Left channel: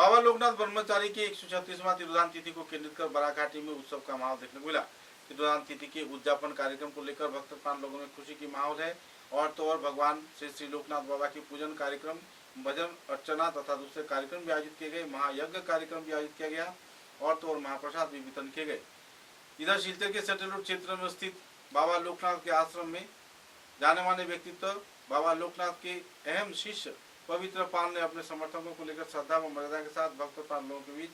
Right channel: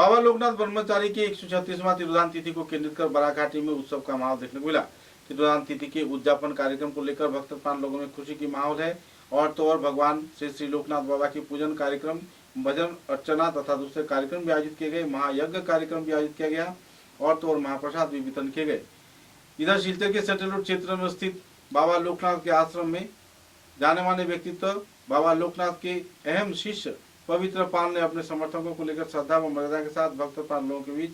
बाबा लोकनाथ ब्रह्मचारी की 136वां तिरुदान तिथि को केंद्रित कर बराघाटी में उत्सव का माहौल देखने को मिला। तिरुदान तिथि के उद्यापन कार्यक्रम को लेकर भक्त प्राण लोगों में खुशी की माहौल है। और तो और भगवान श्री श्री लोकनाथ बाबा की पूजन कार्यक्रम, भजन अर्चना तथा दूसरे कार्यक्रम भी आयोजित किए गए। महायज्ञ कार्यक्रम भी आयोजित किया गया और तो और महाप्रसाद भी वितरण किए गए। इधर शिलचर के सेंट्रल रोड क्षेत्र में स्थित बाबा लोकनाथ के आश्रम में जाने माने व्यक्तित्व बाबा लोकनाथ के अहम शिष्य पवित्र पाल ने अपने समर्थकों को लेकर श्रद्धा व मर्यादा के साथ भक्त प्राण लोगों के बीच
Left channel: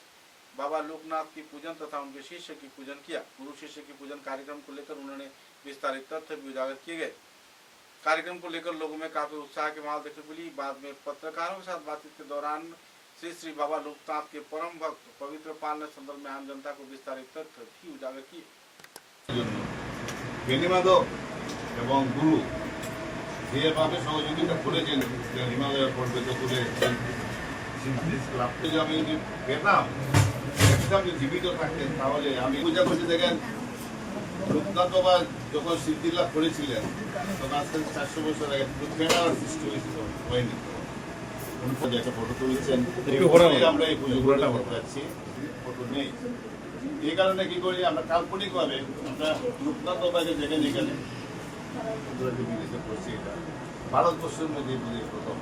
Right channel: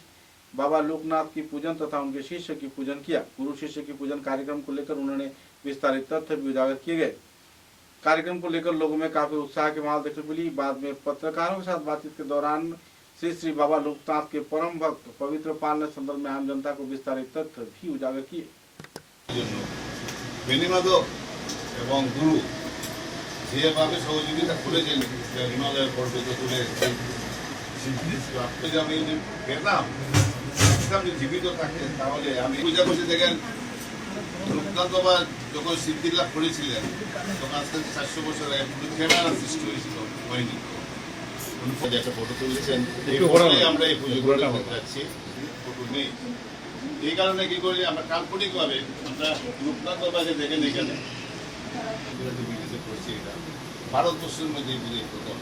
बाबा लोकनाथ की पूजन तथा उनके शिष्य की पूजन किया। गुरु शिष्य की पूजन कार्यक्रम को लेकर उन्होंने विस्तारित तथ्य भी उजागर किए गए। कार्यक्रम को लेकर लोगों में काफी उत्साह की माहौल देखने को मिली। बाद में पत्रकारों के साथ बातचीत के दौरान श्री श्री बाबा लोकनाथ के परम भक्त पवित्र पाल ने संदर्भ में आम जनता को विस्तारित तथ्य भी उजागर किए। गुरु যেভাবে সহযোগিতা করেছেন হিমালয়ের পর্বত তুলে আপনি আমি যদি পেতাম একদম জীবিত থাকতেন তাহলে আমি পূজা করতে দেখেন লোকনাথ বাবা যখন সিদ্ধি লাভ করেছিলেন তখন আজ থেকে 400 বছর আগে ক্যামেরার সৃষ্টি হয়েছিল হয়নি। একটা ফটো তুলেছেন আমরা এই পুজো করতে যাচ্ছি, ফটো নেই। এই কারণে কি করি আমরা কাল্পনিকভাবে আমরা লোকনাথ বাবাকে দেখেন এখানে ভারতবর্ষের মধ্যে পুজোর প্রথম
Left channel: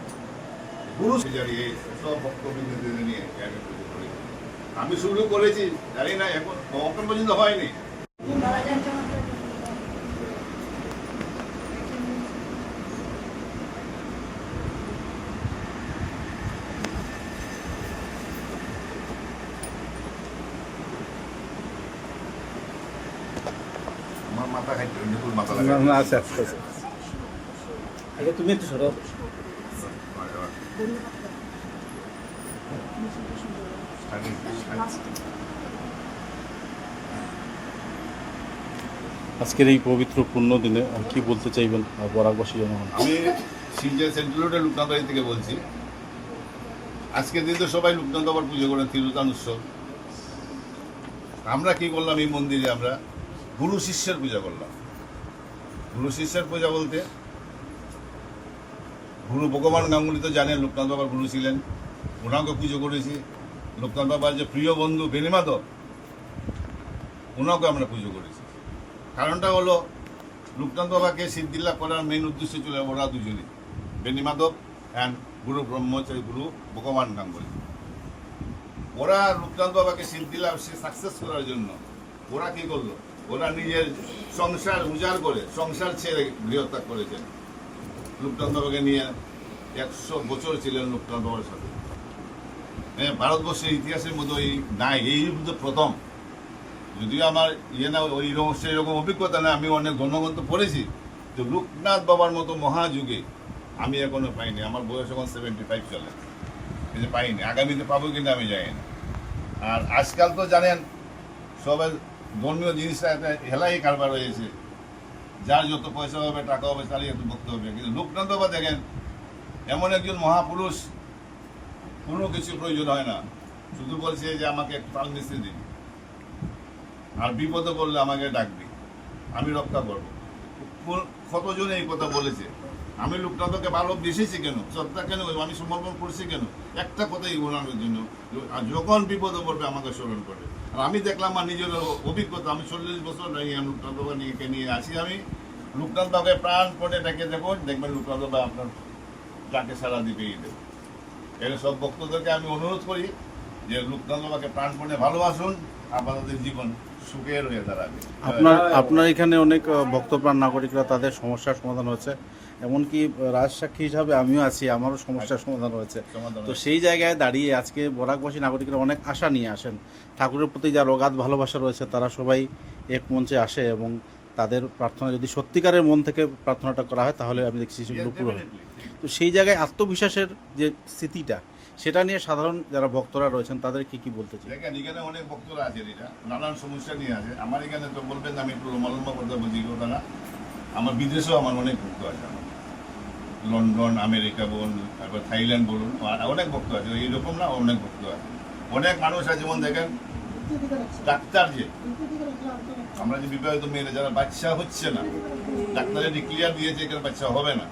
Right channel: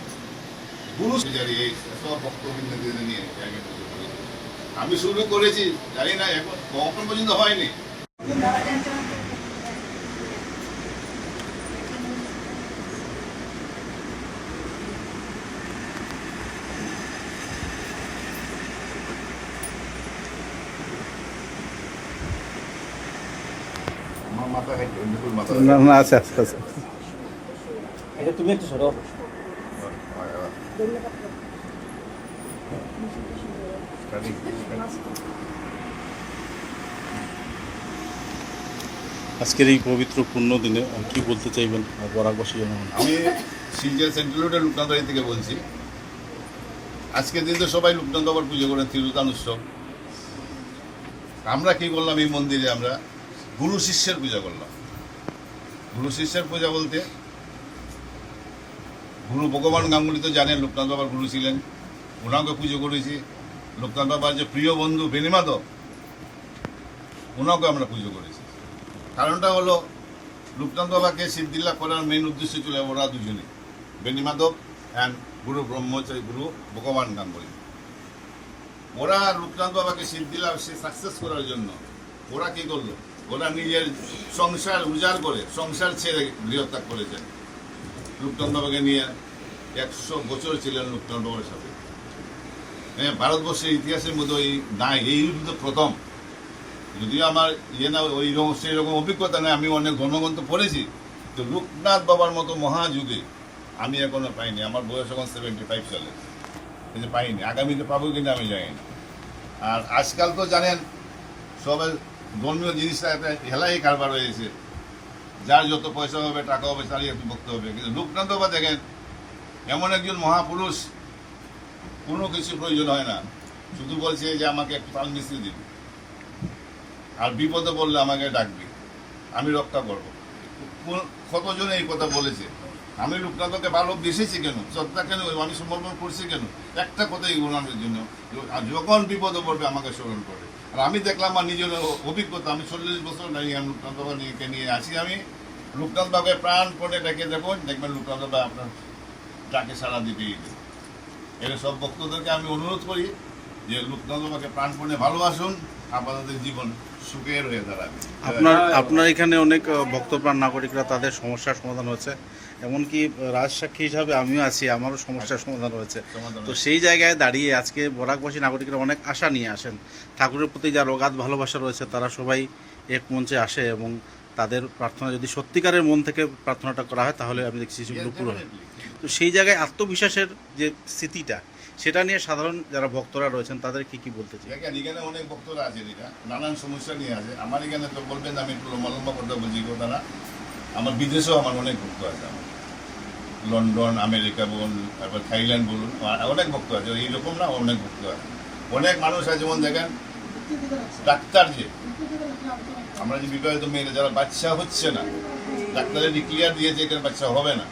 গুরু পূজারী এই সব ভক্তবৃন্দদের নিয়ে আগে পুজো করেছি। আমি শুরু করেছি জানি না এখন পর্যন্ত হয়নি। আচ্ছা আচ্ছা আচ্ছা তুমি একটু সরো। আজকের এই পবিত্র পূর্ণ দিনে কি বলতে চাইবেন বরাকবাসী জনগণ? আমি শিলচর সেন্ট্রাল রোডের লোকনাথ বাড়ি থেকে বলছি। আজকের দিন তো সবাই লোকনাথ বাবার পুজো করেন, তিরুদান উৎসব। আমরা কি করলাম এই মন্দিরে আমরা গুরু শিষ্যের পূজা করলাম। গুরু শিষ্যের পূজা বলতে গুরু ভগবান গাঙ্গুলি তো জানেন লোকনাথ বাবার গুরু ছিলেন, ওনাকে পুজো করেছি। লোকনাথ বাবার যে প্রিয় বন্ধু বেনিমাধব, ওনাকে আমরা পুজো করেছি। কারণটা হলো লোকনাথ বাবাকে সিদ্ধিলাভ করার মেইন উদ্দেশ্য ছিল ওরা দুজনে, বেনিমাধব অ্যান্ড গুরু ব্রহ্মচারী গুরু ভগবান গাঙ্গুলি। ওরা লোকনাথ বাবাকে সিদ্ধিলাভ সাকসেস করার জন্য ওরা কি করলো, ওরা নিজের সংসার উজাড় করে সংসার ছেড়ে গৃহত্যাগ করেছেন। লোকনাথ বাবাকে নিয়ে 100 বছর ছিলেন লোকনাথ বাবার সাথে। ভারতবর্ষের ইতিহাসের মধ্যে নাই, এই প্রথম। যদিও আমার না ওই সেই রকম অভিজ্ঞতা নেই, আমি অনেক গণগ্রন্থ পড়েছি, তো লোকনাথ বাবার মতো মহাযুগে আমি এখনো পাইনি। আমার বয়স এখন 75 চলে, কিন্তু পাইনি। আগামীতে পাবো কিনা আমি জানি না। আর আজকাল তো জানেন সবাই ধর্মীয় জিনিসটা একটা হেলাই কারবার হয়েছে, যার যত পয়সা হবে টাকা হবে তারই একটু ভক্ত হবে। কিন্তু লোকনাথ বাবা দেখেন এমন একজন মহাপুরুষ, কোনো কিছু প্রয়োজন হয় না, শুধু বলছে যে আমাকে একটু তাল মিশিয়ে দিন, আর বিপদে পড়লে আমাকে ডাকবি, আমি রক্ষা করবো। কতজন এই কথা বলেছে। আমি লোকনাথকে ভালোবেসেছি কেন, শ্রদ্ধা কেন, আমি সমর্পণ করছি কেন, একটা কথাই ওনার জন্য, যখন বিপদে পড়বে আমাকে স্মরণ করবে। আর আমি দেখলাম আমার নিজের অভিজ্ঞতা, আমি 40 বছর আমি লোকনাথ বাবা নিয়ে আসি। আমি লোকনাথ বাবাকে প্রাণপণে ডেকে দেবো, দেখবেন লোকনাথ বাবা আপনার ডাকে সারা দিতেই দেবে। এখানে সব ভক্তদেরকে আমি অনুরোধ করি যে লোকনাথ বাবাকে প্রাণপণে ভালোবাসুন, আপনাদের জীবন সুখের হয়ে দাঁড়াবে। আপনার এখানে অনেক ভক্তপ্রাণ নাগরিকরা তাদের সমস্যার সমাধান হয়েছে, এমনকি রাজসাক্ষী হিসাবে আমিও আছি, আমারও সমস্যার সমাধান হয়েছে। তো সেই জায়গায় দাঁড়িয়ে আজকে বরাকবাসী নাগরিকরা অনেক আশা নিয়ে আসেন। ঠাকুরের প্রতি যার অগাধ ভালোবাসা রয়েছে তারা সবাই এক মঞ্চে আসে এবং তাদের প্রার্থনা যদি সত্যিকারের মন থেকে প্রার্থনাটা করা হয় তাহলে আমি দেখছি সেগুলো পূরণ হয়। তো সেই জায়গায় আত্মবিশ্বাসের যে স্থিতিটা, সেটা নিয়ে সাধারণ যারা ভক্তরা রয়েছেন তাদের কি বলতে চাই? দেখেন এখানে অনেক ভক্তরা আছেন, এটা নানান সমস্যা নিয়ে আছে। আমার এখানে তো বলবেন আমি একটু লম্বা কথা বলছি কথাটা, আমার বিদেশেও আমার অনেক ভক্ত আছে। আমার লন্ডন, আমেরিকা বলুন, তারপর থাইল্যান্ড বলুন, অনেক ভক্ত আছে। এইরকম না, অনেক ভক্ত আছে। অনেক মানুষ আছে যেমন দেখেন ডাক্তার, যে আমরা যে বিবাহিত মেয়েরা যারা বাচ্চা হচ্ছে না, ডাক্তারে ডিক্লিয়ার দিয়েছে এখানে বাচ্চা হবে না,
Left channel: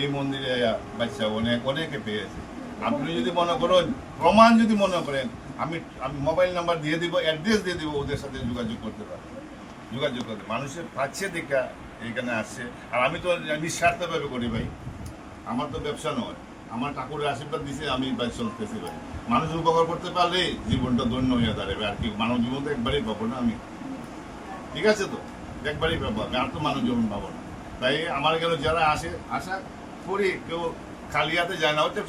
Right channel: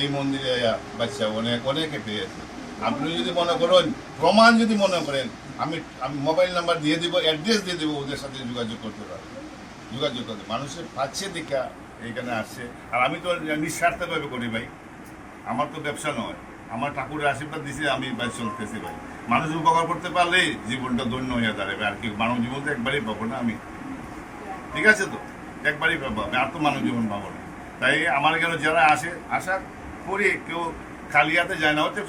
এই মন্দিরে বাচ্চা অনেকে পেয়েছে। আপনি যদি মনে করেন প্রমাণ যদি মনে করেন আমি মোবাইল নাম্বার দিয়ে দিব, অ্যাড্রেস দিয়ে দিব, ওদের সাথে যোগাযোগ করতে পারবেন। যোগাযোগ করতে মানুষের পাচ্ছে দেখা এইখানে আসছে। আর আমি তো নিঃস্বার্থভাবে করি ভাই, আমার তো ব্যবসা নয়, আমার ঠাকুরের আশীর্বাদ দিছে, আমি ভাই চলতেছি ভাই। মানুষ উপকার করতে পারলে জীবনটা ধন্য হয়ে দাঁড়াবে। আর কি মানব জীবন তো একবারই পাবো না আমি, ঠিক আছে? তো একবারই পাবো আমি, আর তো মানব জীবন পাবো না। তাই আমার এখানে যারা আসে, আশা করি কেউ খালি হাতে যায় না। হচ্ছে